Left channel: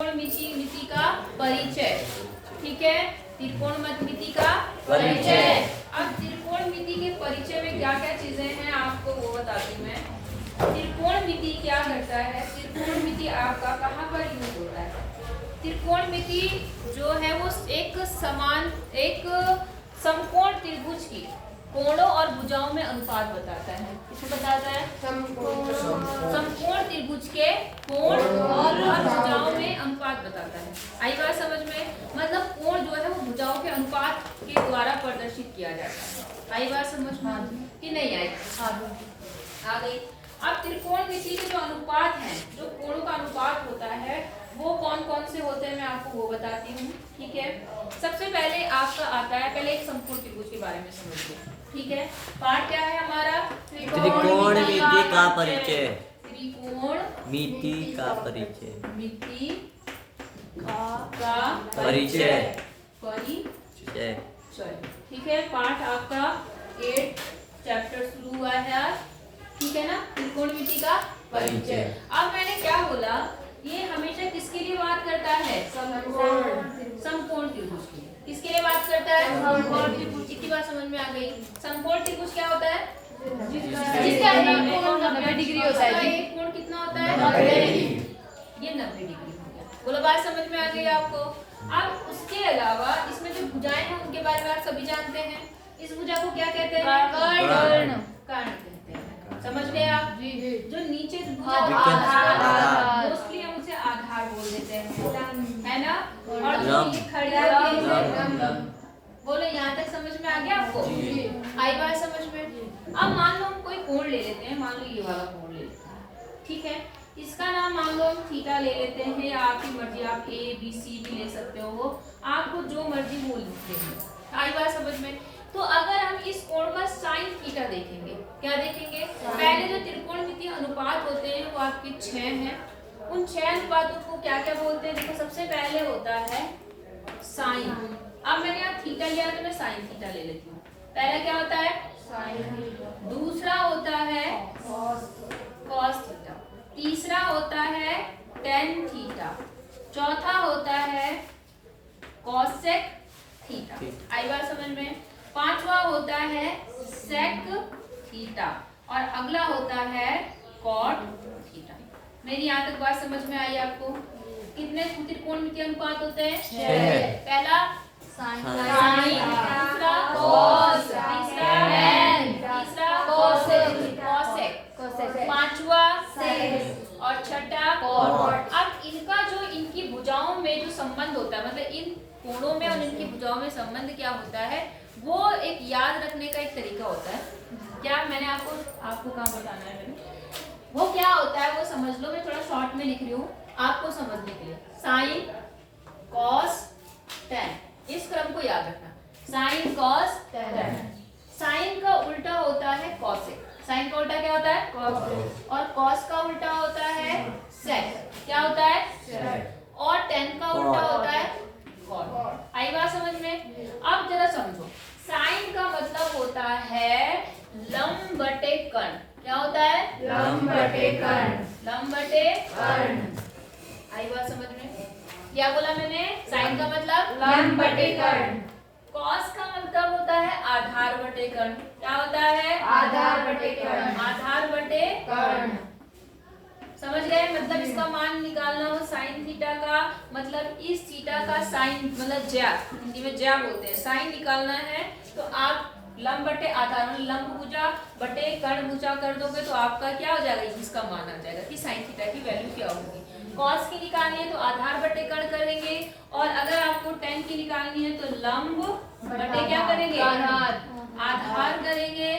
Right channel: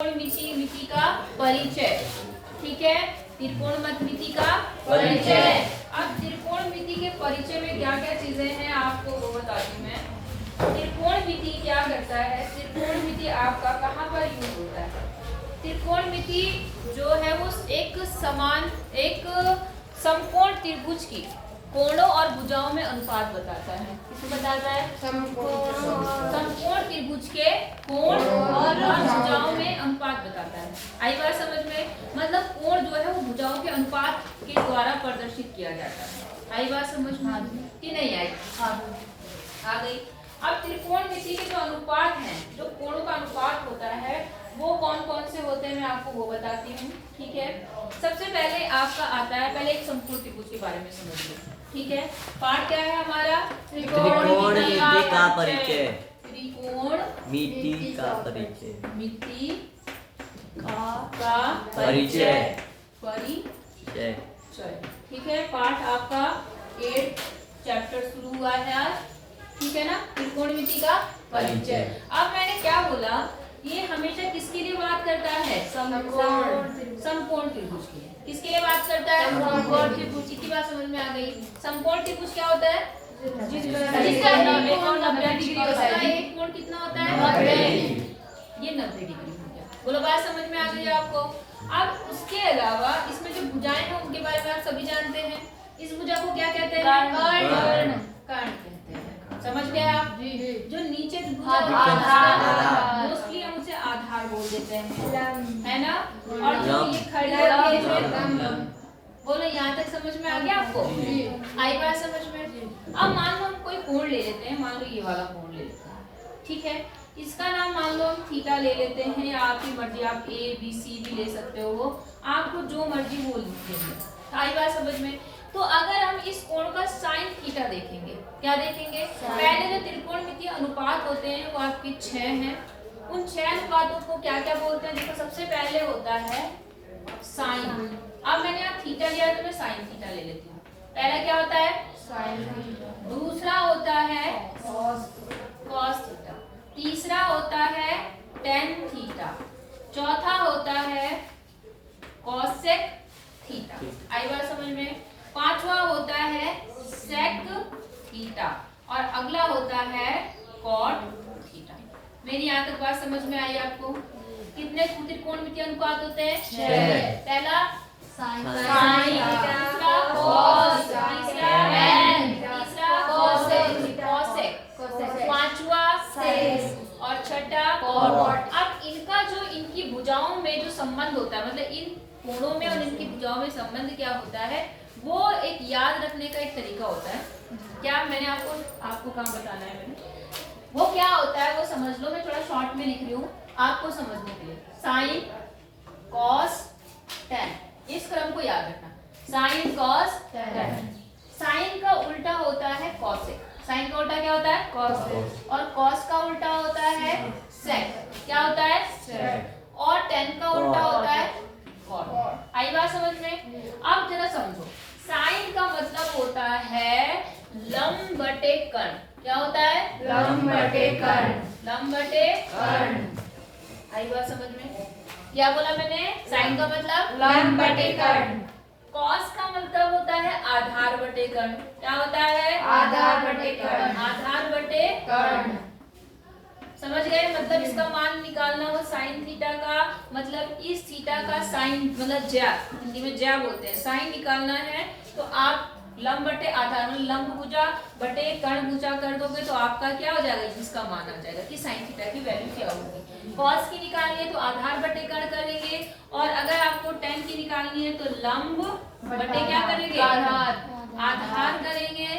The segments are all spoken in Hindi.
त्रिकोणमिति का परिचय। ठीक है, त्रिकोणमिति का परिचय। अब त्रिकोणमिति के परिचय में क्या क्या चीजें हैं आपको वो बताती हूँ मैं। त्रिकोणमिति क्या करता है, त्रिकोणमिति आपका कहाँ पर यूज होता है। त्रिकोणमिति जो है वो एक समकोण त्रिभुज की कोणों और भुजाओं में अनुपात बताता है। किसको बताता है? समकोण त्रिभुज के कोण और भुजाओं में अनुपात बताता है। आई बात समझ में? मतलब कोण जो है वो भुजाओं के अनुपात के द्वारा प्रदर्शित किया जाता है। आई बात समझ में कि नहीं आई? आ गई। अब त्रिकोणमिति के जो अनुपात हैं, जो कोणों का अनुपात होता है वो कौन कौन से होते हैं मैं आपको वो बताती हूँ। ठीक है, सबसे पहले आपका आता है, पहले एक समकोण त्रिभुज के बारे में समझिए। ठीक है, पाठ क्या है हमारा? त्रिकोणमिति का परिचय। त्रिकोणमिति का परिचय। मिति का परिचय। ठीक है, पाठ आपका 8 चैप्टर शुरू हुआ है आज। ठीक है ना, त्रिकोणमिति का परिचय। अब मैंने क्या बोला, ये हमेशा किसके लिए बात करता है? समकोण त्रिभुज के लिए। किसके लिए बात करता है? समकोण त्रिभुज की बात समझ में आ गई। समकोण त्रिभुज क्या होता है? जिसका एक कोण 90 डिग्री होता है। एक कोण कितना होता है? 90। ये 90 डिग्री हो गया। बोलो, बात समझ में आ गई आपको? अब उसके अलावा इसमें जो भुजाएं हैं उनके बारे में आप सभी जानते हैं। इस भुजा को क्या कहते हैं? कर्ण। कर्ण कहते हैं। समझ गए आप? जो नीचे भुजा आधार, मोस्टली हम उसे आधार बोल देते हैं, है ना? और जो ये खड़ी होती है, बोलो यहाँ तक समझ में आ गया आपको? आई बात समझ में? अब मान लो हम कोई कोण ले लेते हैं, मान लो ये वाला कोण ले लेते हैं। ठीक है, इसका नाम मान लो हम थीटा ले लेते हैं, या आपकी मर्जी, आप ए बी सी भी ले सकते हो, आपको जो मर्जी वो लिखते हैं। आई बात समझ में? तो अगर हम इस कोण का साइन थीटा देखेंगे, क्या देखेंगे? पहले जो त्रिकोणमितीय अनुपात होते हैं वो आपके 6 हैं। उन 6 अनुपातों को क्या क्या बोलते हैं? देखो, सबसे पहले होता है साइन। अब मैंने यहाँ थीटा लिया तो मैं साइन थीटा ले लेती हूँ। पहला क्या होता है? साइन। दूसरा होता है कॉस थीटा। तीसरा होता है टेन थीटा। चौथा होता है कॉसेक थीटा। आई बात समझ में? पांचवा होता है सेक थीटा और अगला होता है कॉट थीटा। मेरी यहाँ तक बात समझ में आई आपको? कितने त्रिकोणमितीय अनुपात होते हैं? 6। पहला साइन, दूसरा कॉस, तीसरा टेन, तीसरा कॉसेक, पांचवा सेक और छठा कॉट। अब इनका जो इनकी भुजाओं में जो संबंध होता है, मतलब इन कोणों में और इनकी भुजाओं में संबंध क्या होता है, वो एक याद रखने का एक तरीका होता है। क्या मैंने आपको काम बताना है? वो क्या होता है वो समझ लो, मैं थोड़ा शॉर्ट में लिख रही हूँ आपको समझने के लिए। साइन, कॉस, टेन, इस क्रम को याद रखना। Sign, cos, ten. साइन का उल्टा होता है कॉसेक। साइन का उल्टा क्या होता है? कॉसेक। और कॉस का उल्टा होता है सेक। क्या होता है? सेक। और टेन का उल्टा होता है कॉट। आई बात समझ में? अब जरा समझो, साइन का मतलब होता है लंब बटे कर्ण। क्या होता है? लंब बटे कर्ण। लंब बटे कर्ण। आई बात समझ में? क्या बोला मैंने? साइन का मतलब लंब बटे कर्ण। कॉस का मतलब होता है आधार बटे कर्ण। क्या होता है? आधार बटे कर्ण। आधार बटे कर्ण। समझ गए? मतलब इसका मान निकालना हो साइन थीटा का, मतलब इस थीटा का साइन, मतलब ज्या, हिंदी में ज्या बोलते हैं, साइन निकालना है तो आप लंब बटे आधार, मतलब लंब भुजा बटे कर्ण भुजा कर दोगे तो आपका क्या हो जाएगा? इसका मान आ जाएगा कि साइन थीटा की वैल्यू क्या होगी। कॉस की निकालनी है तो आधार बटे कर्ण करेंगे, और अगर आपको टेन की निकालनी है तो लंब बटे क्या करेंगे? आधार करेंगे।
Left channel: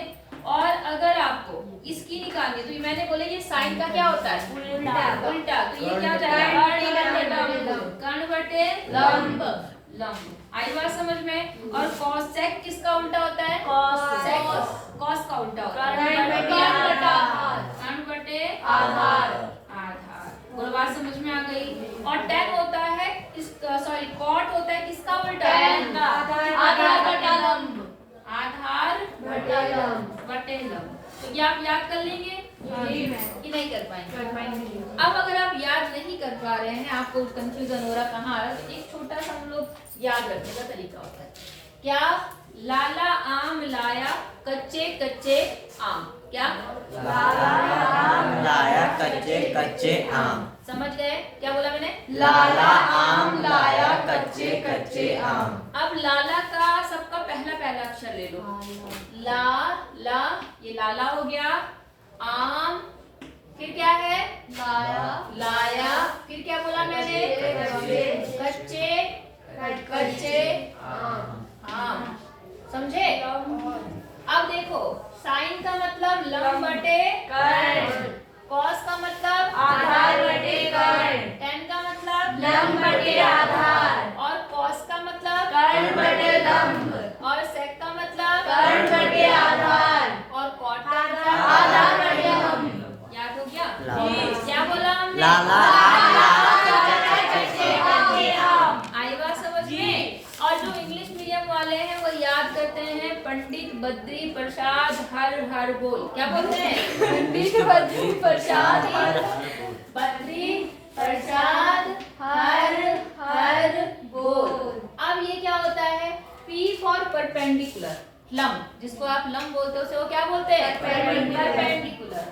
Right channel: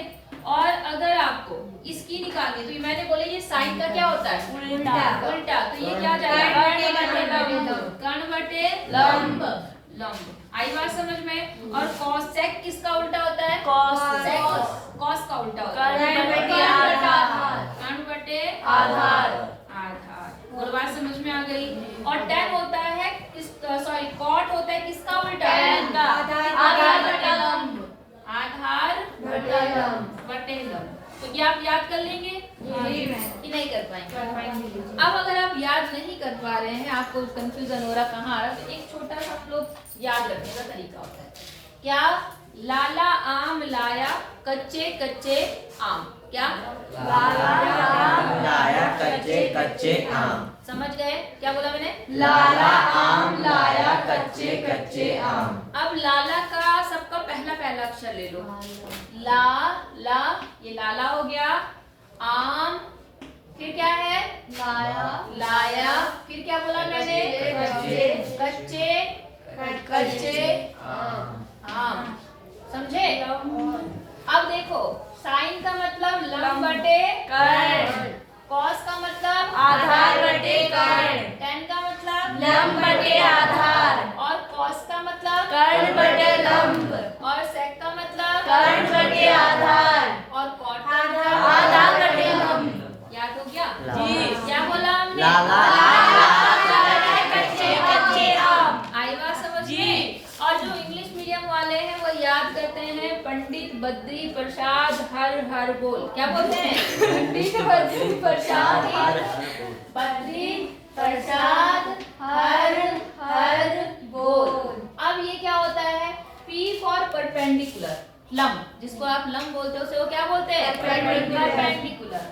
और अगर आपको इसकी निकालनी तो मैंने बोला ये साइन का क्या होता है? उल्टा। तो ये क्या जाएगा? कर्ण बटे लंब। लंब। आई बात समझ में? और कॉसेक किसका उल्टा होता है? कॉसेक कॉस का उल्टा होता है कर्ण बटे आधार। आधार। बोलो, बात समझ में आ गई? और टेन होता है कॉट होता है किसका उल्टा? आधार बटे लंब। आधार बटे लंब। तो ये आप याद कर लेंगे। कि नहीं कर पाएंगे? अब अगर आप याद नहीं कर पा रहे हैं, आपको कंफ्यूजन हो रहा कहाँ आ रहा, तो एक छोटा सा हम लोग याद रखने का तरीका होता है। क्या? लाला आम लाया कच्चे कच्चे आम। क्या? लाला आम लाया कच्चे कच्चे आम। समझ गए क्या बोला मैंने? लाला आम लाया कच्चे कच्चे आम। अब लाला का सबका पहला पहला अक्षर ले लो। ला ला, ये लाला हो गया। आम, फिर क्या है? लाया लाया, फिर क्या बोला मैंने? कच्चे कच्चे आम। समझे? अब देखो, साइन का मतलब लंब बटे कर्ण, कॉस का मतलब आधार बटे कर्ण, टेन का मतलब लंब बटे आधार, और कॉस का मतलब कर्ण बटे लंब, और सेक का मतलब कर्ण बटे आधार, और कॉट का मतलब आधार बटे लंब। याद हो गया? जी। क्या बोला हमने? आई बात समझ में? और जो इंग्लिश मीडियम वाले हैं वो याद करते हैं पंडित बद्री प्रसाद हर हर बोल। क्या बोलते हैं? पंडित बद्री प्रसाद बद्री प्रसाद हर हर बोल। अब ये क्या होता है? P फॉर परपेंडिकुलर, लंब, जिसको आप लंब बोलते हो उसे वो क्या बोलते हैं? परपेंडिकुलर।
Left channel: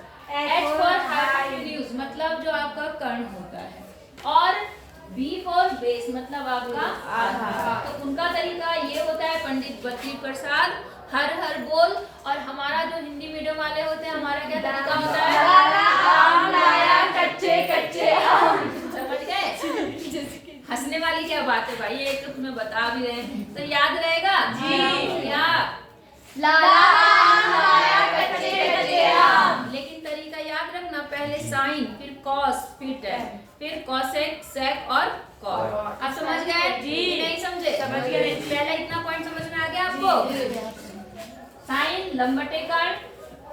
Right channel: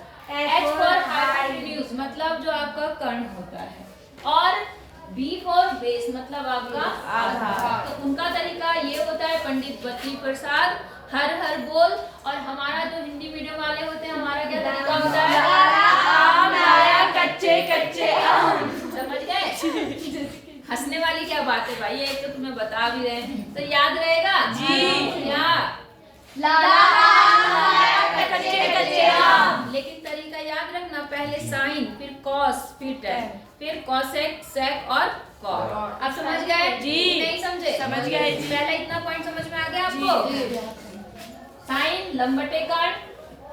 H फॉर हाइपोटेन्यूज, मतलब जो आपका कर्ण होता है, और B फॉर बेस, मतलब आपका आधार। तो उनका तरीका ये होता है पंडित बद्री प्रसाद हर हर बोल, और हमारा जो हिंदी मीडियम वाले होते हैं हमारा क्या तरीका होता है? आम लाया कच्चे कच्चे आम। समझ गए? हंसने वाली क्या बात है भाई, ये तो तुम्हें बता भी रहे हैं तो याद रहेगा जी। क्या? लाला आम लाया कच्चे कच्चे आम। लेकिन तरीका याद रखना, पहले साइन, फिर कॉस, फिर टेन, फिर कॉसेक, सेक और कॉट। आप समझ गए जी? नहीं समझे? समझ गए। पहला इतना पॉइंट समझ में आ गया आपको? साइन लंब बटे कर्ण,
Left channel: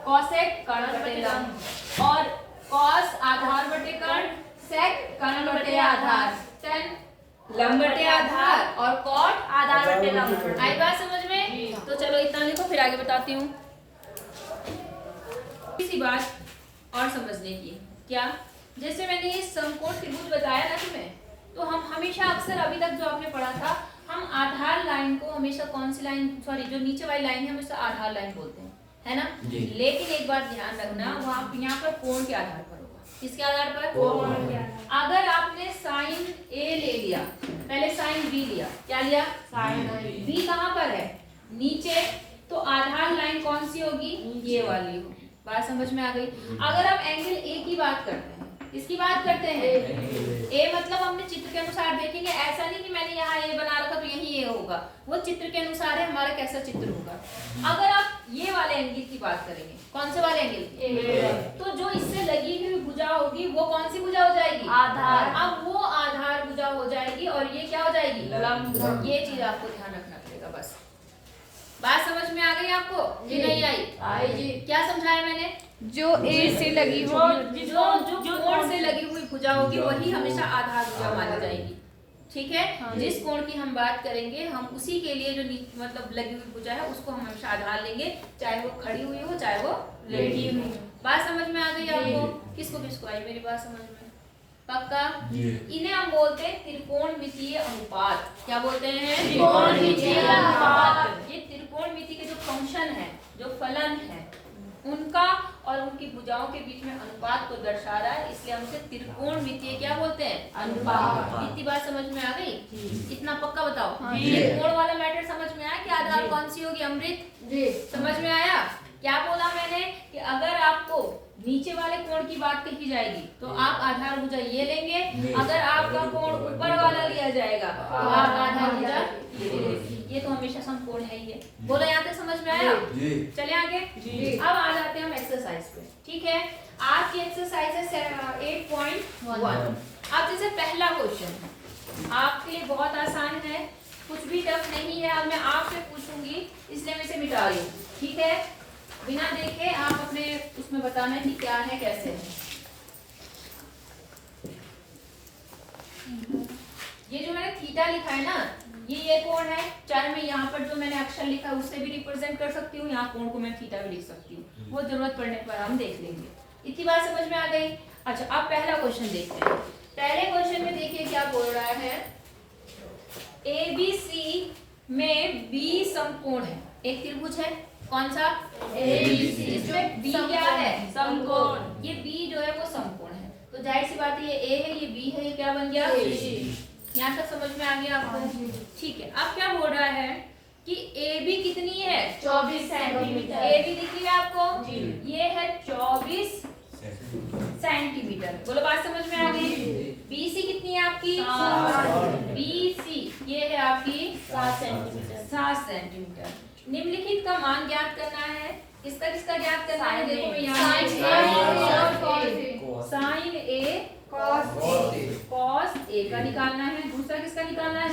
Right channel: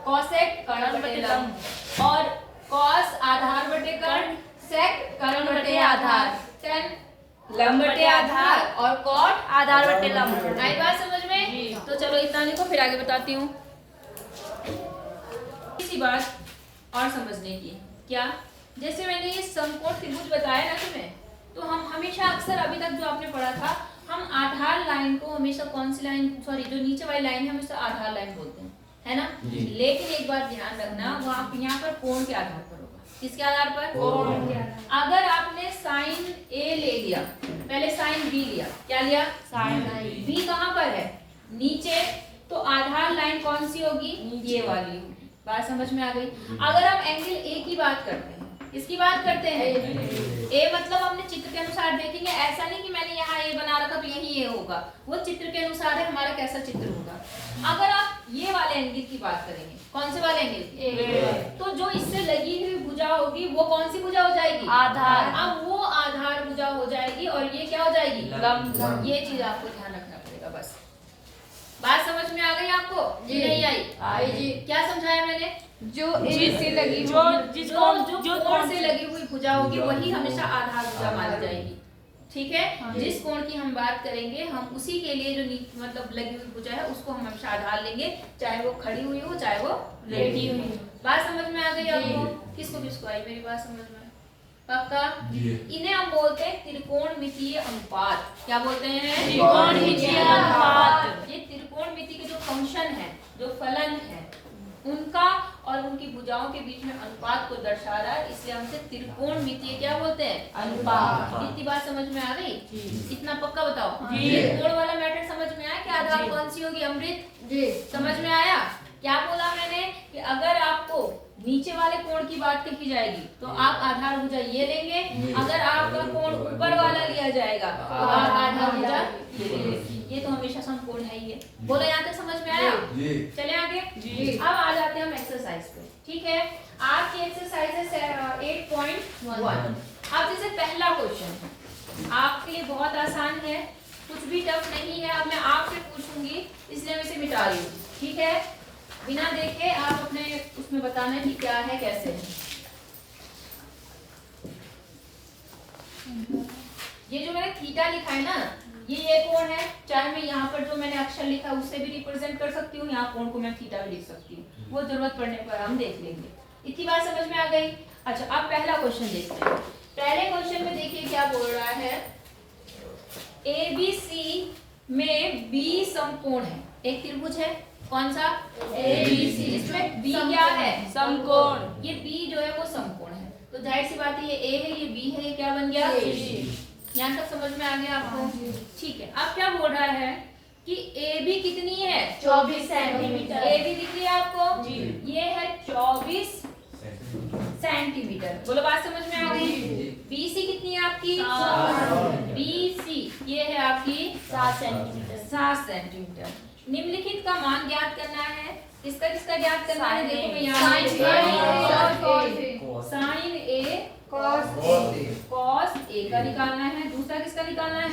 कॉसेक कर्ण बटे लंब, और कॉस आधार बटे कर्ण, सेक कर्ण बटे आधार, टेन लंब बटे आधार, और कॉट आधार बटे लंब। आई बात समझ में? तो चलो इतना लिखो, फिर आगे बताती हूँ। इसी बात और समझने की। क्या? जैसे मैंने ये समकोण त्रिभुज बताया ना तुम्हें, तो हम हमेशा अक्सर अभी तक जो आपने पढ़ा था, हम आधार लाइन को हमेशा कौन सी लाइन, सॉरी जो नीचे वाली लाइन है हमेशा आधार लाइन बोलते हैं, है ना? लेकिन एक बात ध्यान रखना, वहाँ यहाँ पर कोण के आधार पर होगा। किसके आधार पर? कोण के आधार। अगर आपने साइन ए ले लिया, पहले साइन बी लिया, क्या लिया? साइन बी कहाँ पर है? नीचे, तो आधार लाइन कौन सी होगी? ये वाली होगी। बात समझ में आ गई? अगर हम एंगल ए की बात करते हैं, किसकी बात करते हैं? ए मतलब हमने चित्र के अनुसार देखेंगे, ऐसा नहीं कि मैंने यहाँ ए बना रखा तो यही ए होगा, वो चित्र के अनुसार है हमारा कैसा चित्र होगा। अगर आप ये वाले एंगल की बात करेंगे, कौन से वाले एंगल? तो जो इससे लगी हुई भुजा होगी वो कौन सी भुजा हो जाएगी? आधार। अब वो आधार भुजा हो जाएगी, और ये क्या हो जाएगी? लंब। ये चीज आपको ध्यान रखना पड़ेगा। बस बात समझ में आ गई आपको? जी नहीं आई? आई जी। क्या समझाया मैंने? जो ए से लगी जो कोण से लगी हुई भुजा होगी वही हमेशा आधार भुजा मानी जाएगी। ठीक है? जिस कोण की हम बात करेंगे हम उसी के लिए जो मतलब लगी हुई भुजा है उसको हम हमेशा आधार लेंगे, चाहे वो खड़ी हुई हो चाहे वो लेटी हुई हो। बात समझ में आ गई आपको? किसको किसको आई मेरी बात समझ में? पक्का? इन्हें हम बोलते हैं त्रिकोणमितीय अनुपात। क्या बोलते हैं? त्रिकोणमितीय अनुपात। ये त्रिकोणमिति के जो फंक्शन है, जो फलन है, उनका और उनकी भुजाओं के बीच में अनुपात को दर्शा रहा है, इसलिए हम इसे त्रिकोणमितीय क्या बोलते हैं? अनुपात। इतनी बात समझ में आ गई? इतना पक्का बताओ। त्रिकोण वाला मैटर समझ में आया कि आधार कौन सी होगी? अमृत जी समझ में आया? क्या बोला मैंने कि अगर आपको नीचे वाले कोण की बात कही जाएगी तो आप आधार भुजा ये लेंगे, अगर आपका कोण ऊपर वाला लिया जाएगा तो आप आधार भुजा ये लेंगे। ये तो हमेशा समकोण है ही है। बोलो यहाँ तक समझ में आया? चले आगे। अब आ जाते हैं हम एक्सरसाइज पे। ठीक है, आज की एक्सरसाइज है 8.1। अब जैसे पहला क्वेश्चन आपके लिए बहुत आसान है, कुछ भी टफ नहीं है। अब मैं आपसे पूछूंगी इसलिए मैं इसे मिटा रही हूँ। ठीक है, बिना देखे आप अपने उसमें बताना कि क्या है कैसे है। ये जो मैंने थीटा लिखा है ना, ये कोण है, चाहे मैं यहाँ पर जो मैंने अक्षर लिखा है उससे भी रिप्रेजेंट कर सकती हूँ, यहाँ कोण को मैं थीटा भी लिख सकती हूँ, वो जरूरत पड़ने पर हम देख लेंगे। इतनी बात समझ में आ गई। अच्छा अब पहला क्वेश्चन देखते हैं। पहले क्वेश्चन में देखिए क्या बोल रहा है, ABC में B समकोण है। एक त्रिभुज है, कौन सा? ABC। इसमें B क्या है? समकोण। ये B जो है वो समकोण है, तो जाहिर सी बात है ये A है, ये B है, ये क्या बन गया? यहाँ तक समझ में आ गया आपको? ठीक है। अब क्या हो रहा है कि AB कितनी है? 24 सेंटीमीटर। AB दिख रही है आपको? ये है 24 सेंटीमीटर। बोलो बात समझ में आ गई? BC कितनी है आपकी? BC ये है आपकी 7 सेंटीमीटर। 7 सेंटीमीटर। निम्नलिखित का मान ज्ञात करना है। किसका किसका ज्ञात करना है? देखो मैं यहाँ साइन A कॉस A का निकालना है। दूसरा किसका निकालना है?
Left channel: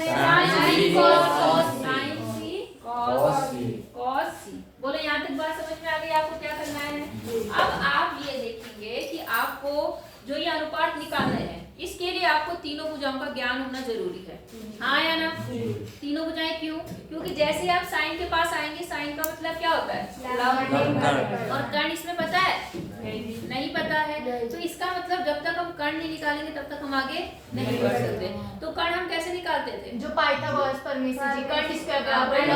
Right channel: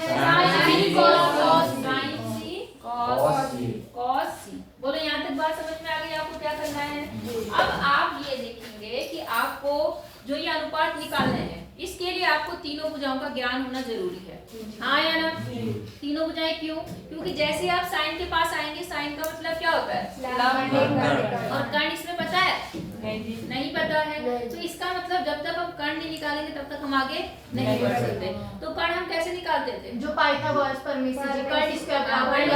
Sine C cos C। बोलो यहाँ तक बात समझ में आ गई? आपको क्या करना है? अब आप ये देखेंगे कि आपको जो ये अनुपात निकालने हैं, इसके लिए आपको तीनों भुजाओं का ज्ञान होना जरूरी है। हाँ या ना? तीनों भुजाएं क्यों? क्योंकि जैसे आप साइन के पास आएंगे, साइन का मतलब क्या होता है? और कर्ण इसमें पता है? नहीं पता है। तो इसका मतलब जब तक हम कर्ण नहीं निकालेंगे तब तक हम आगे नहीं बढ़ सकते। तो कर्ण हम कैसे निकालते थे? जो पाइथागोरस परमेश जी कर्ण स्क्वायर बराबर है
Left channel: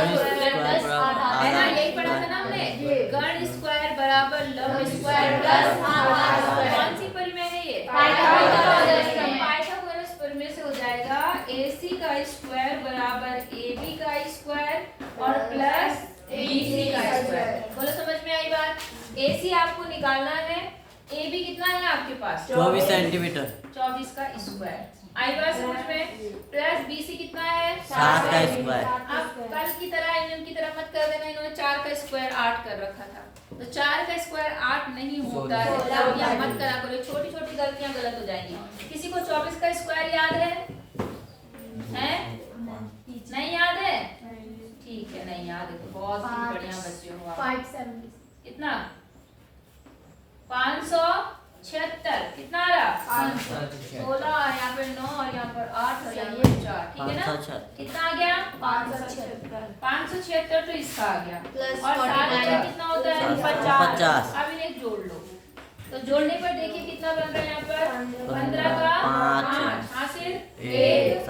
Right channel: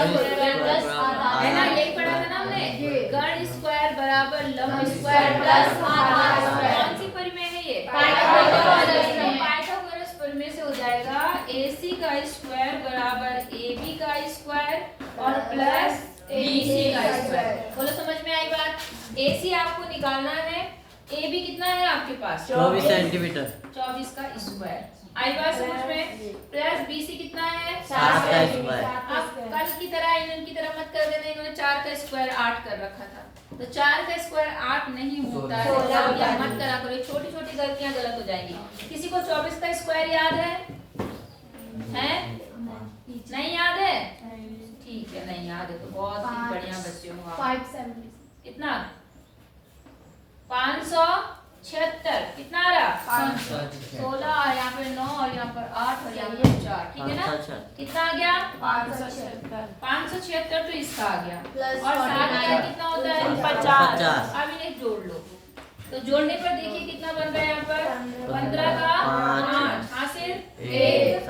ना, यही पढ़ा था ना हमने। कर्ण स्क्वायर बराबर लंब स्क्वायर प्लस आधार स्क्वायर। कौन सी परिमेय है ये? पाइथागोरस परिमेय से हो जाएगा AC का स्क्वायर बराबर AB का स्क्वायर और प्लस BC का स्क्वायर। बोलो समझ में आई बात? AC आपको निकालना है, AB कितना है आपके पास? 24 सेंटीमीटर। 24 का स्क्वायर। आई बात समझ में? प्लस BC कितना है? 7 का स्क्वायर। अब कल की तरह इनकी तरह मत कर देना, इन्होंने 4 का स्क्वायर 8 कर रखा था। तो 4 का स्क्वायर 8 नहीं होता है। गलतियां मत करा करो, छोटी छोटी गलतियां गलत हो जाएंगी। किसी को 24 का स्क्वायर याद है? नहीं याद है? ठीक है, नहीं याद है तो बहुत ही बढ़िया बच्चे हो आप। 570 कितना? 576। कितना आ रहा? 16 और यहाँ पर 9 और यहाँ पर 8 और यहाँ पर 4। ठीक है ना? कितना आ गया? 576 576 तो इसका आ गया। प्लस और 7 का 49 कितना होता है? 50। अब इन्हें जोड़ लो, तो जोड़ने पर देखिए कितना बन रहा है यहाँ पर? 15 का 5 हासिल 1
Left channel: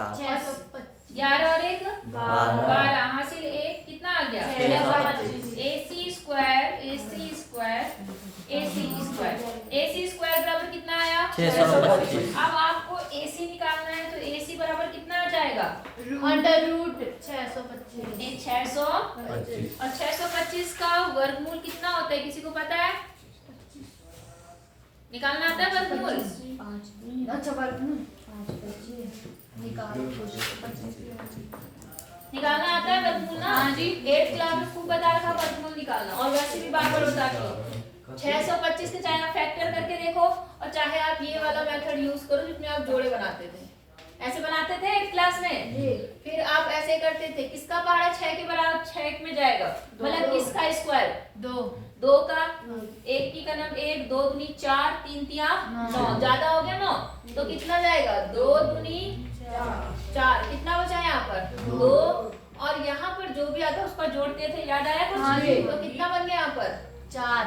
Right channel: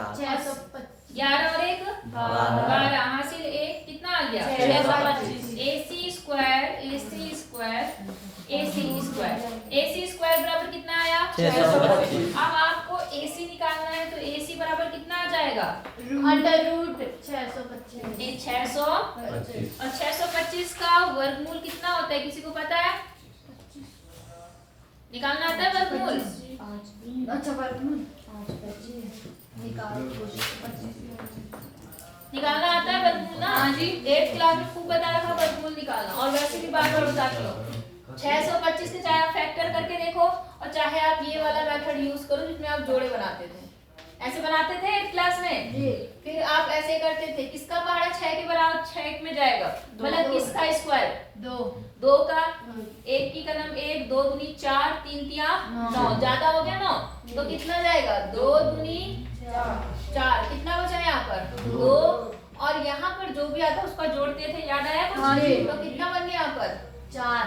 11 और 1 12 हासिल 1 कितना आ गया? 625। AC स्क्वायर बराबर कितना आया? 625। अब आपको AC निकालना है तो AC बराबर कितना आ जाएगा? अंडर रूट 625 600 और 625 का वर्गमूल कितना होता है? किसी को पता है? निकालना आता है वर्गमूल? अच्छा वर्गमूल निकालना आता है वर्गमूल ना? हाँ जी। 8th क्लास में खूब बता रखा वर्गमूल निकालना, और वैसे भी बार बार बता के 625 के चाहे आप फैक्टर करके देखो और चाहे आप ये वाला मेथड यूज करो जिसमें आप जोड़े बनाते थे। ऐसे बनाते थे 8th क्लास में जी। फिर आप ऐसे करते थे, किसका पहाड़ा 6 के बराबर 6 में जाएगा, मतलब किसका स्क्वायर? 2 का 1 की कलम 1 2 दूनी 4 3 तिया 9 ज्यादा हो गया 9, तो कितना जाएगा? 2 दूनी 4। कितना बचा यहाँ पर? 2 और यहाँ पर जो भी आता उसका जोड़ते थे, याद आया कुछ? तो कितना बन गया यहाँ पर? 4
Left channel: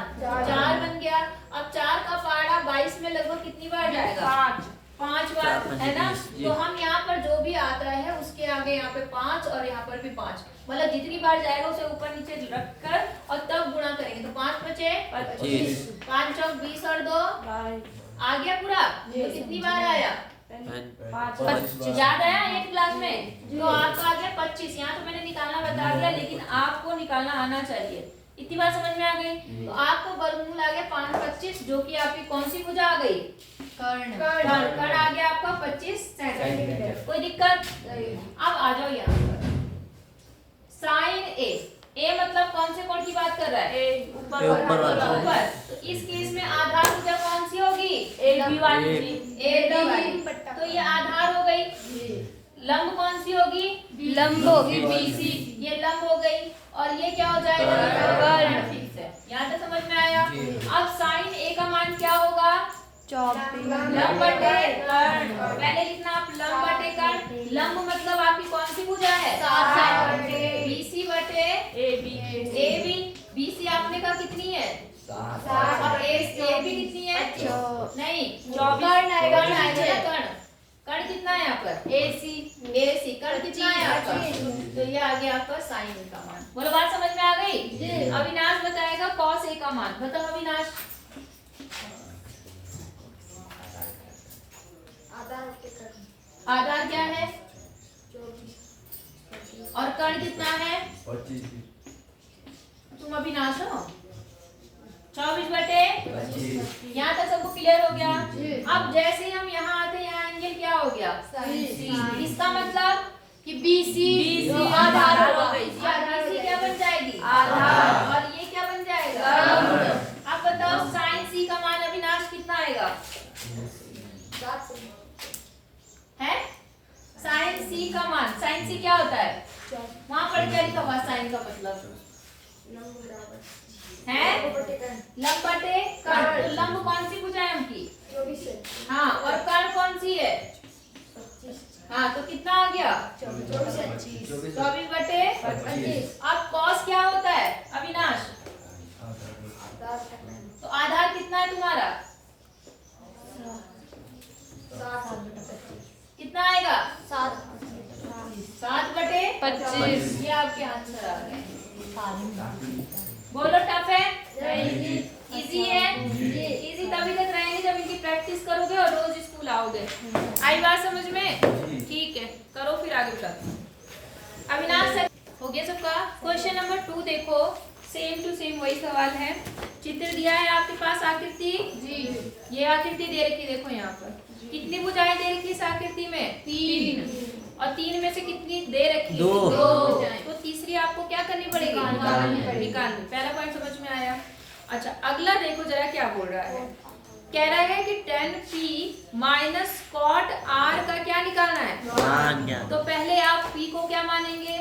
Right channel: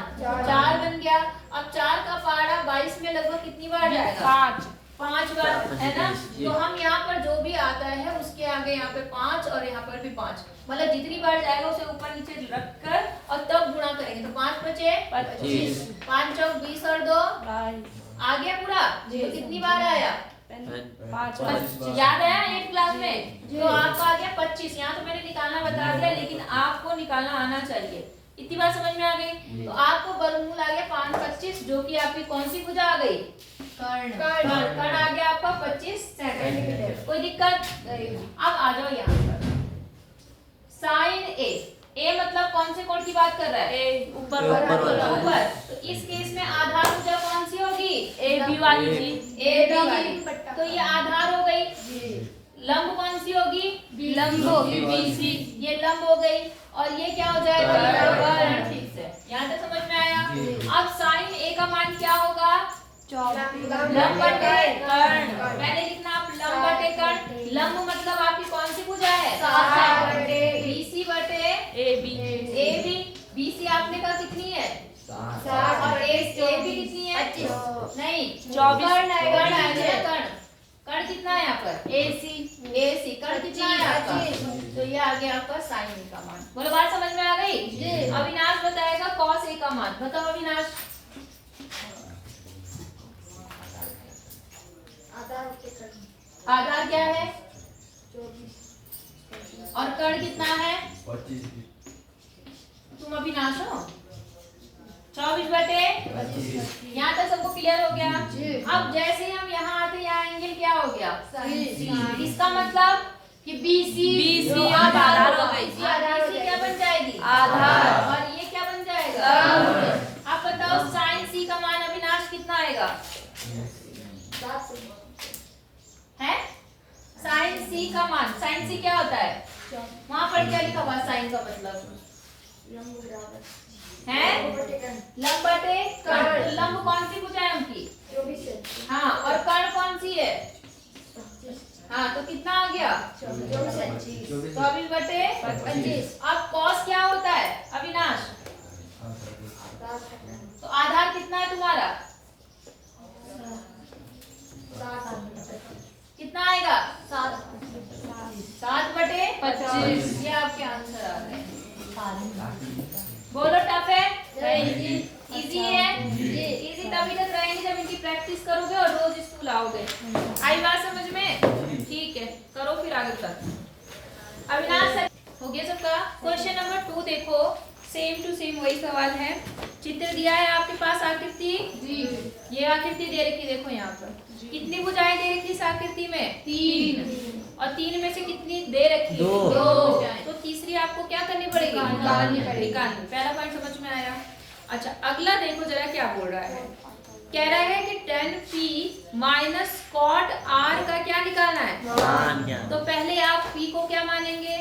बन गया। अब 4 का पहाड़ा 22 में लगभग कितनी बार जाएगा? 5 बार, है ना? तो हम यहाँ पर जो भी आता है उसके आगे यहाँ पे 5 और यहाँ पर भी 5, मतलब जितनी बार जाएगा उसे ऊपर नीचे रखकर और तब गुणा करेंगे तो 5 बचे 25, 5 चौक 20 और 2 आ गया पूरा। तो कितनी बार आया? 5 याद आया 8th क्लास में? तो आपका आ गया 25। यहाँ तो मैंने निकालना बता दिया, लेकिन आपको निकालना आना चाहिए। इतनी बात समझ में आ गई? तो आपको वर्गमूल आ गया 525, जो कि आपकी कौन सी भुजा आ गई? कर्ण आ गया आपका 25 सेंटीमीटर। कोई दिक्कत? अब आ जाओ यहाँ पर साइन ए मतलब कौन से कोण की बात कर रहा है? ऊपर। तो इस केस में आधार भुजा कौन सी होगी? AB वाली। तो ये आधार हो गई। लंब कौन सी होगी? लंब होगी BC। ये लंब हो गई और ये क्या हो जाएगा? ठीक है, यहाँ तक समझ में आया? अब साइन A का मान क्या होगा? लंब बटे कर्ण। मैंने लिखना आप लंब बटे कर्ण। लंब मतलब आपकी कौन सी भुजा है? BC बटे AB। BC आपने कहा कितनी है? और AB कितनी है? नहीं 24 कर्ण आएगा ना कर्ण। कर्ण कितना है यहाँ पर? AC। कर्ण कितना है यहाँ पर? तो ये आ गया आपका साइन A का मान। बोलो बात समझ में आ गई? अविनाश बताएगा कॉस A का मान। बताओ अविनाश। आधार क्या है? और कर्ण कितना है? 25। तुम अविनाश हो? 24/25। यहाँ तक सबको क्लियर हो गया? अब जैसे ही हम यहाँ आते हैं, यहाँ एंगल क्या हो गया? इसका मतलब कि BC आधार हो गई। BC क्या बन जाएगी? आधार। और ये क्या बन जाएगा? अब बताओ साइन C का मान अविनाश कितना आएगा? है साइन C का मान। साइन C क्या होता है? वहां पर क्या लिखा हुआ साइन का मतलब है लंब बटे कर्ण। तो लंब कौन सी भुजा है उनकी? हाँ, और कर्ण कौन सी है? हाँ, तो कितना आ गया? 24/25। अब कॉस क्या होता है अविनाश? तो आधार कितना है तुम्हारा? कितना आएगा? 7/25। ये आपके आंसर आ गए। बोलो टफ है? इजी है? इजी तभी तक रहेंगे जब इनकी प्रैक्टिस करोगे और रोज स्कूल आओगे। आई बात समझ में? ठीक है, करो फिर आगे तक। अविनाश सर हो गया सबका? क्वेश्चन नंबर 2 देखो, सेम टू सेम वही सवाल है। चित्र दिया है आपके पास आकृति। ये आकृति दे रखी, देखो यहाँ पर कितनी भुजाएं दे रखी इस आकृति में? 3। और 3 में से कितनी दे रखी? 2। तो तीसरी आपको क्या करनी पड़ेगी? निकालनी। पहला पॉइंट समझ में आया? अच्छा, अगला देखो जरा क्या बोल रहा है। कह रहा है कि tan P minus cot R का क्या निकालना है? तो पहले आप P को क्या मानेंगे?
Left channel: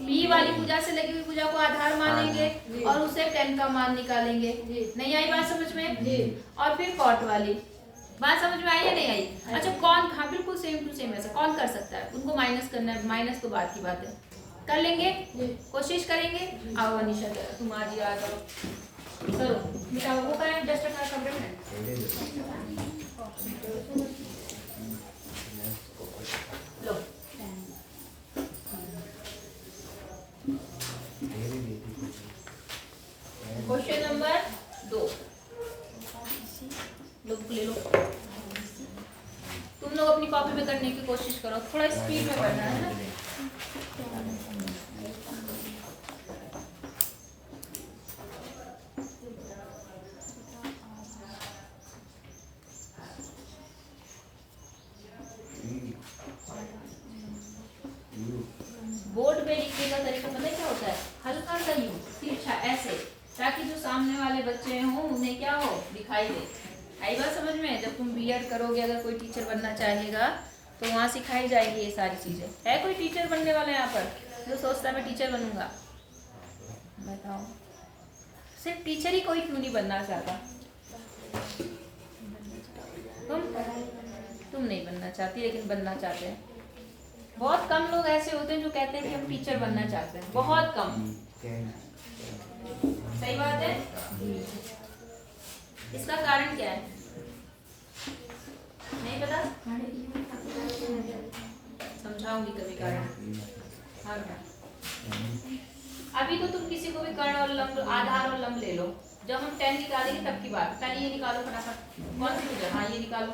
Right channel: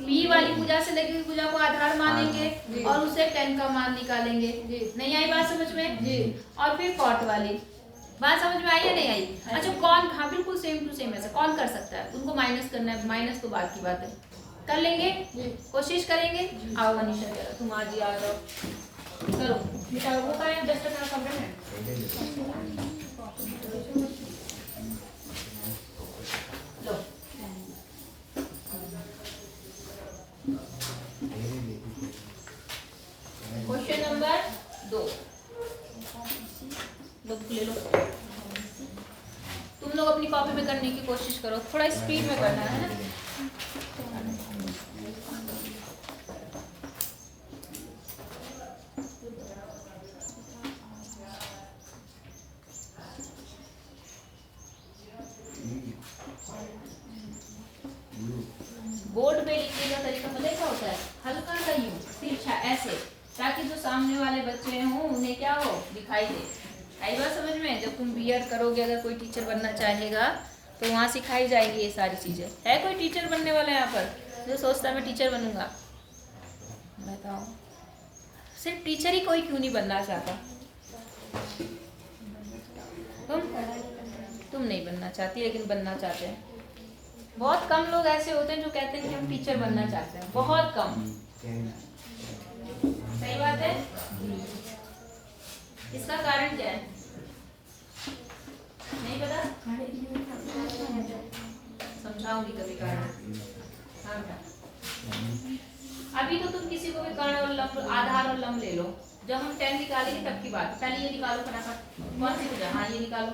P वाली भुजा से लगी हुई भुजा को आधार मानेंगे और उसे tan का मान निकालेंगे। नहीं आई बात समझ में? और फिर cot वाली बात समझ में आई या नहीं आई? अच्छा, कौन? हाँ बिल्कुल सेम टू सेम ऐसा कौन कर सकता है? उनको माइनस करना है। माइनस तो बात की बात है, कर लेंगे, कोशिश करेंगे। आओ अनिशा जरा तुम आज आ जाओ, करो बेटा। वो का है जस्ट का खबर है। लो क्वेश्चन नंबर 2 बुक ले लो। तुम लोग अपनी कॉपी में करने की कोशिश करो, थोड़ा स्पीड में करना है ना। बोर्ड पे लिखने का तरीका पता है क्या होता है? हल्का सा यूं तिरछा ऐसे, ताकि जो सामने वाले बच्चे हों उन्हें क्या हो, दिखाई दे। आई बात समझ में? जब तुम बीएड करोगे, अगर कोई टीचर बनना चाहेगा तो वहाँ सिखाई जाएगी ये सारी चीजें। है कोई टीचर बनने वाला यहाँ पर जो सोचता है मैं टीचर बनूंगा? बताओ, सिर्फ टीचर ही कोई क्यों नहीं बनना चाहता? तुम नहीं बनना चाहती, लेकिन बनना चाहते हैं। बहुत कम लोग ऐसे होते हैं जो कहते हैं कि हम टीचर बनना चाहते हैं, बहुत कम। सही बात है? इसका कारण क्या है? नहीं पता? समझाऊंगी कभी कारण। हाँ बेटा, अभी तो तुम किसी को भी कर्ण और लंब, आधार और लंब ले लो। जब हम 10 निकालेंगे तब की बात। पहले ये निकालो फटाफट। कौन सी भुजा? हाँ ये निकालो।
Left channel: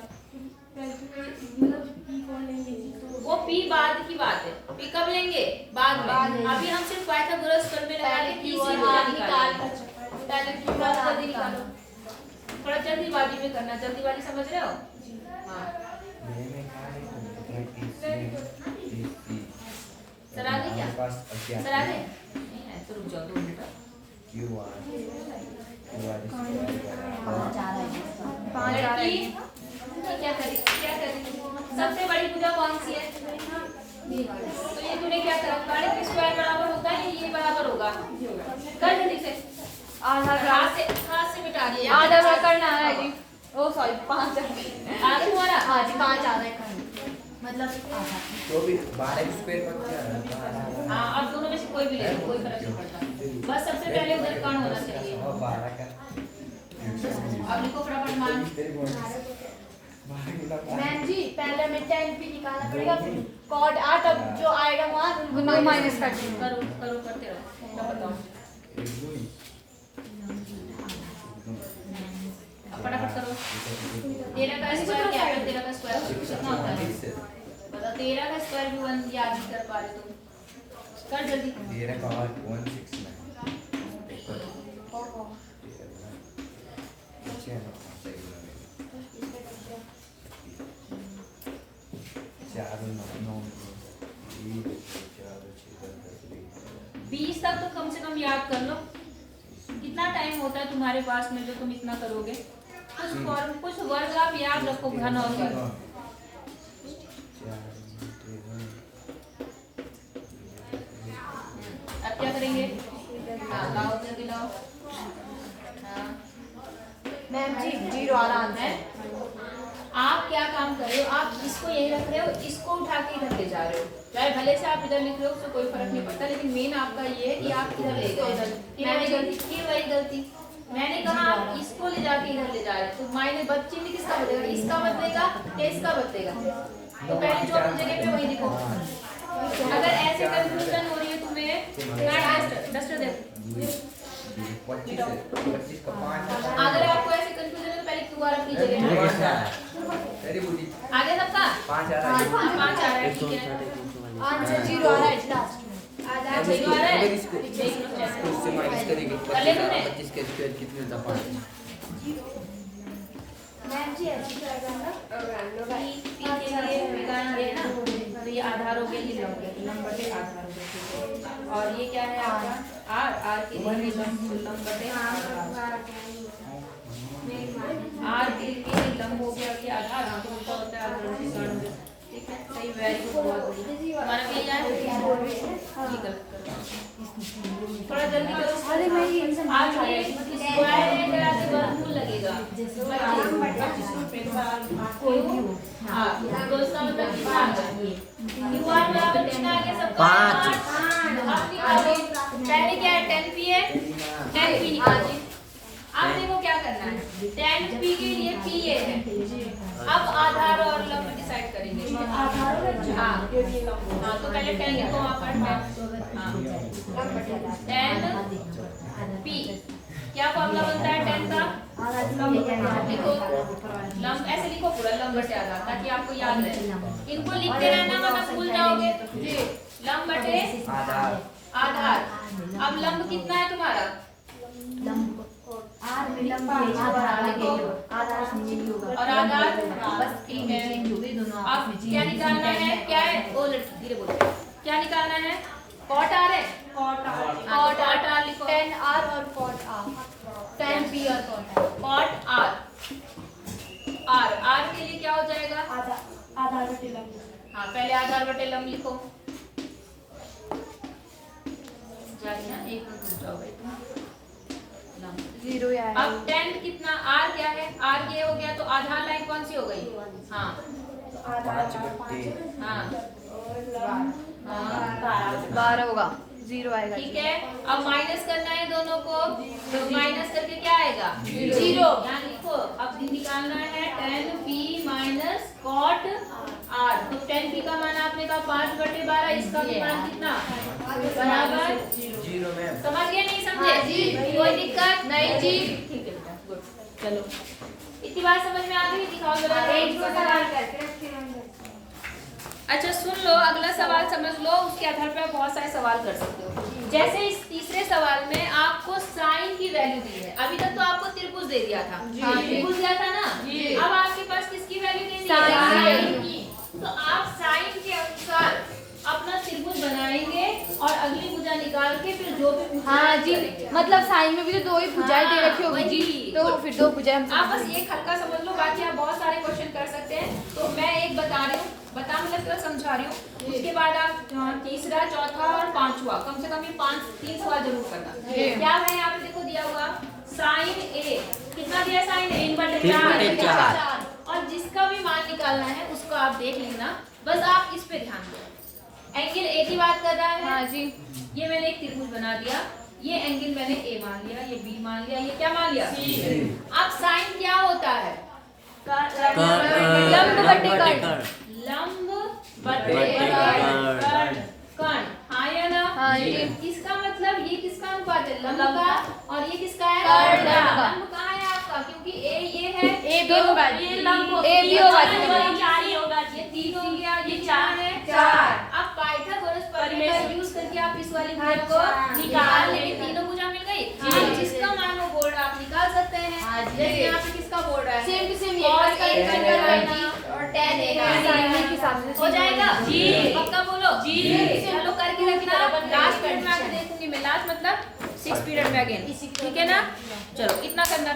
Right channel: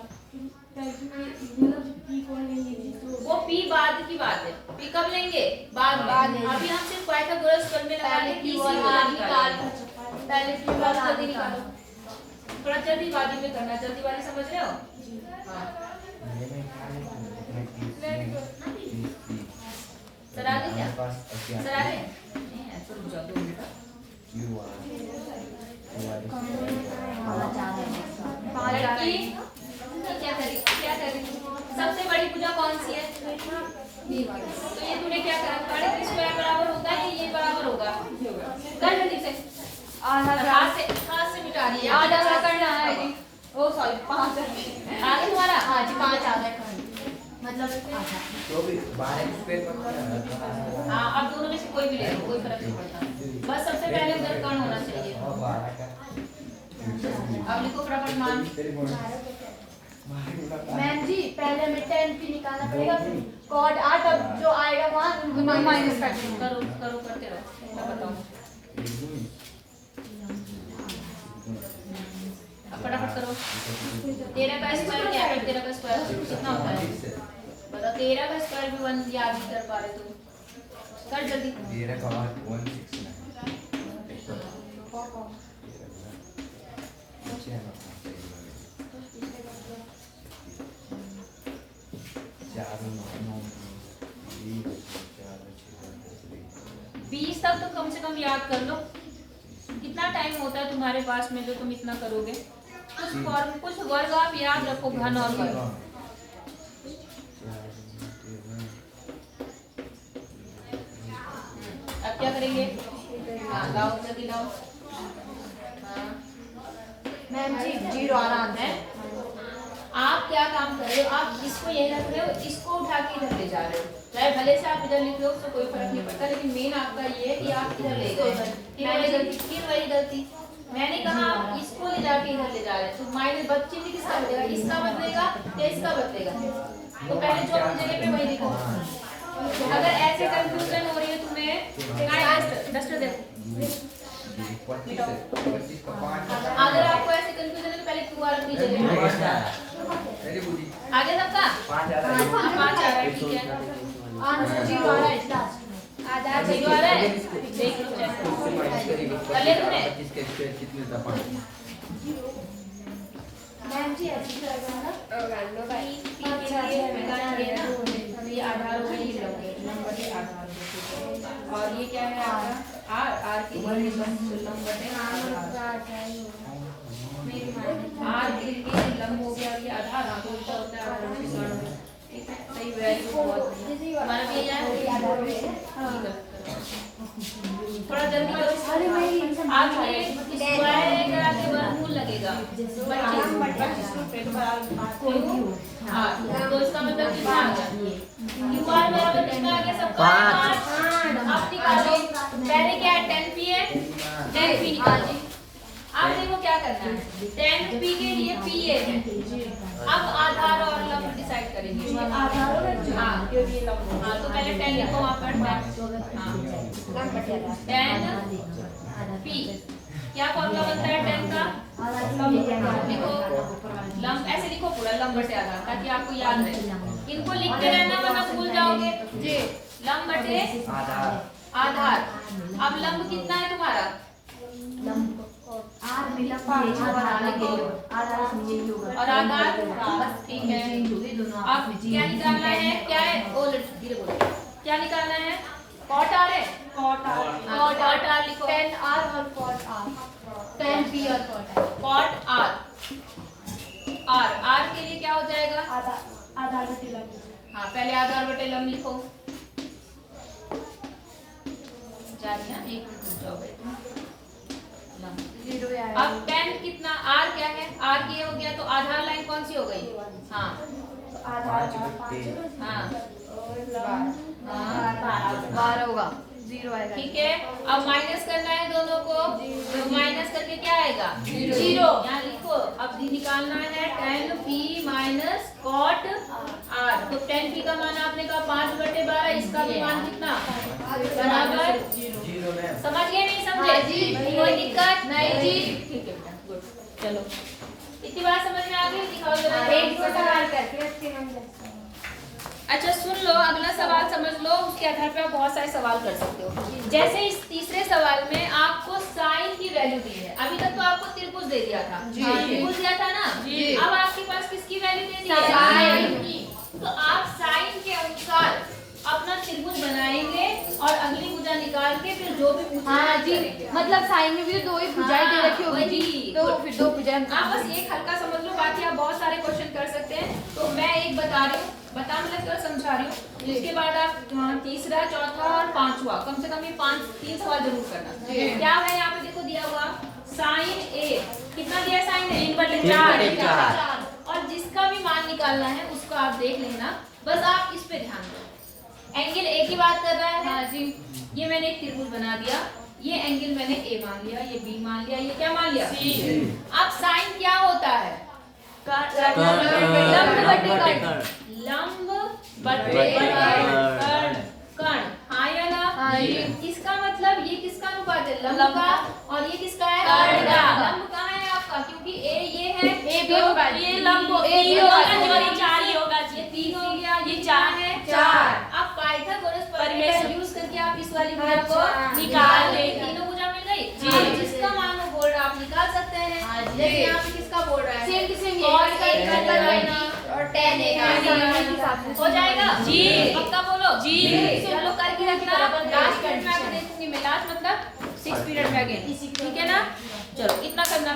वो P बाद की बात है। P कब लेंगे? बाद में। अभी हम सिर्फ पाइथागोरस प्रमेय लगा के तीसरी भुजा निकालेंगे। पहले P बाद जल्दी निकालो। थोड़ा जल्दीबाजी में करना, जल्दीबाजी समझ रहे हो? सर आ गए क्या? सर आ गए? नहीं है तो रुक जाओ 2 मिनट। क्या करें? सबसे बड़ी भुजा कौन सी है? तो ये तूने क्या करा? साढ़े स्क्वायर बराबर होगा या ये बराबर होगा? कर जल्दी से। हाथ से मिटा दिए। आधा सा करना है जी। ओ सॉरी 5 आगे तुम्हारा? हाँ जी 5 आ रहा है मतलब तो भी 12 स्क्वायर पर। हाँ, अब दोनों में से कोई भी ले लो, कोई फर्क नहीं पड़ता। बस सबसे पहले उधर कर्ण होना चाहिए। अब लिखो फटाफट मान। मैम जी पहले हमें 10 भी निकालना पड़ेगा, कॉट 8 अब जो आएगा वहाँ माइनस कर देंगे। करो करो करते रहो, मैं बताऊं। अब फटाफट करो। 13 का स्क्वायर क्या है? 13 का स्क्वायर कितना होता है बताओ। 13 का स्क्वायर भी 1 याद नहीं कर पा रहे तुम, कर जल्दी। 13 का 169 20 तक तो कम से कम याद कर लो। कितना टाइम होता है तुम्हारे पास में जो तुम इतना करोगे? कुछ फॉर्म कुछ वर्ग आप याद रखो, घन और वर्ग। अब क्या करेंगे? हाँ लाओ जल्दी लाओ। हाँ मैम जी 0 आ रहा है। आप क्या काम कर रहे हो? आप इसको यही रख रहे हो, इसको उठा के इधर ले जा रहे हो। चाहे भले से आप इधर लिख रहे हो तो कोई फर्क नहीं पड़ता, लेकिन मेन आपका ये है कि आप इधर ले गए। फिर वही गलती। मैंने कहा आप इसको ले जाके इधर ले जा रहे हैं, तो माइनस बच्चे में किसका बदलेगा? इसका बदलेगा या इसका बदलेगा? तो पहले जो अपनी जगह पे वही लिखो। अगर ऐसे कंफ्यूजन हो रही है तुम्हें, डस्टर देखो। अगर आपको ऐसे कंफ्यूजन है तो पहले क्यू आर अपनी जगह पे। आगे सबका 5 आ रहा है, ठीक है। आंसर 0 आ रहा है। आधा 0 आ रहा है, कर ले तूने। मैम जी ऐसे ही करना पी के लिए विज्ञान ये ना, तो ये आधार हो गए, ये लंब बटे आधार हो गए। और ये क्या है आपका? आर आर के लिए लंब बटे आर के लिए लंब हो गया, ये आधार आपको उल्टा होता है आधार बटे लंब। ठीक है, सही वैल्यू बहुत हमारा भी है। थोड़ा जल्दी करो। आज में स्क्वायर है, अगर आपके वर्गमूल लगेगा 25 हाँ, तो इसका मतलब कितना आ गया? क्यूआर बराबर कितना आ गया सबका? 5। अब निकालो। पहले क्या है? 10p है, 10p निकालो। अब देखो क्या करना है। 10p के लिए p है। अब आधार और लंब डिसाइड करेंगे। आधार और हाँ तो पहले 10 लिखो वहाँ पर। हाँ 10p क्या फॉर्मूला बनता है 10 का? लिखो लंब, ऐसे लिखो पूरा लंब बटे आधार, ताकि आपको याद रहे। इनको लिखते रहना वरना भूल जाओगे। लंब बटे आधार। अब लंब कितना है तुम्हारा? और आधार बस ठीक है। अब क्या निकालना है? क्या है? धीरे बोलो। क्या निकालना है? कॉट आर है। कॉट आर लिखो। 10r और कॉट r 10p और कॉट आर। आर के लिए क्या हो जाएगा? आधार बटे लंब। हाँ पहले आधार बटे लंब लिखो। जारी ना, एक मिनट रुक जाओ बेटा। 0 है। अब 10 कितना? आर क्या है? आर ये हो गया, तो आधार लाइन कौन सी हो गई? हाँ हाँ 12 होगा, 0 आएगा। ठीक है। अब माइनस करना है दोनों को, तो माइनस करके क्या आएगा? 0। यहाँ लिखो। अब निकालना है 10p माइनस कॉट आर। तो 10p का मान आपने कहा 5/12, इसका भी मान कितना? बराबर 0 में। समझ गए नहीं समझे? कोई दिक्कत नहीं जी? ठीक है बेटा, गुड। चलो इतनी बात समझ में आ गई? दिखाओ जरा। अच्छा सुन लो, अगला सवाल समझ लो, उसके आधार पर आप बहुत सारे सवाल कर सकते हो। जैसे इस तीसरे सवाल में आपको साइन की वैल्यू दी है। अभी तक तो आपको त्रिभुज दे दिया था, त्रिभुज दिया था ना। अब आपके पास किसकी वैल्यू दे दी है? साइन की। तो आप साइन के अनुसार अपना त्रिभुज बनाएंगे और अगली भुजा निकाल के फिर जो भी भुजा करेंगे। मतलब साइन में भी तो 2 ही भुजाएं दे रखी होगी जी, तो फिर 2 भुजाएं आप बस एक हल्का समझ लो, बाकी आप बहुत सारे क्वेश्चन कर सकते हैं। तो मैं एक बता रही हूँ, मतलब थोड़ा समझा रही हूँ। उसके बाद आप तीसरा, चौथा और पांचवा, कम से कम ये 3 सवाल जरूर करना। क्या है यहाँ पे देखो दिया हुआ साइन ए, कितना दिया साइन ए? 3/4। और जिसका भी मान निकालना है उसको आप देख लेना, बस आप इस पे ध्यान दो। एंगल ए की बात कर रहा है। हाँ जी। ये मैंने एक त्रिभुज बना दिया, ये एंगल मैंने ए मान लिया, ये बी मान लिया, ये क्या मान लिया? सी। अब साइन क्या होता है? लंब कर्ण, हाँ या ना? इसका मतलब ये किसका अनुपात है? लंब का। और ये किसका है? कर्ण का। लंब कहाँ है आपका? क्योंकि ए ये है, ए बी होगा, ये लंब ए बी होगा, ये 3 हो गया, ये 4 है 4। अब पाइथागोरस प्रमेय का यूज करके आप इस वाली भुजा को निकाल लेंगे। तीनों भुजा मिल गई। अब जिसका मान वो बोल रहा आप निकाल सकते हैं। जैसे यहाँ पे किसका बोल रहा है? Same to same cos A और tan A हो जाएगा जी। पक्का बोलो जी। चलो करके रखना, लास्ट पीरियड में आके देखूंगी मैं। लास्ट मतलब 6 पीरियड में अगेन, ठीक है ना? चलो इतना करना।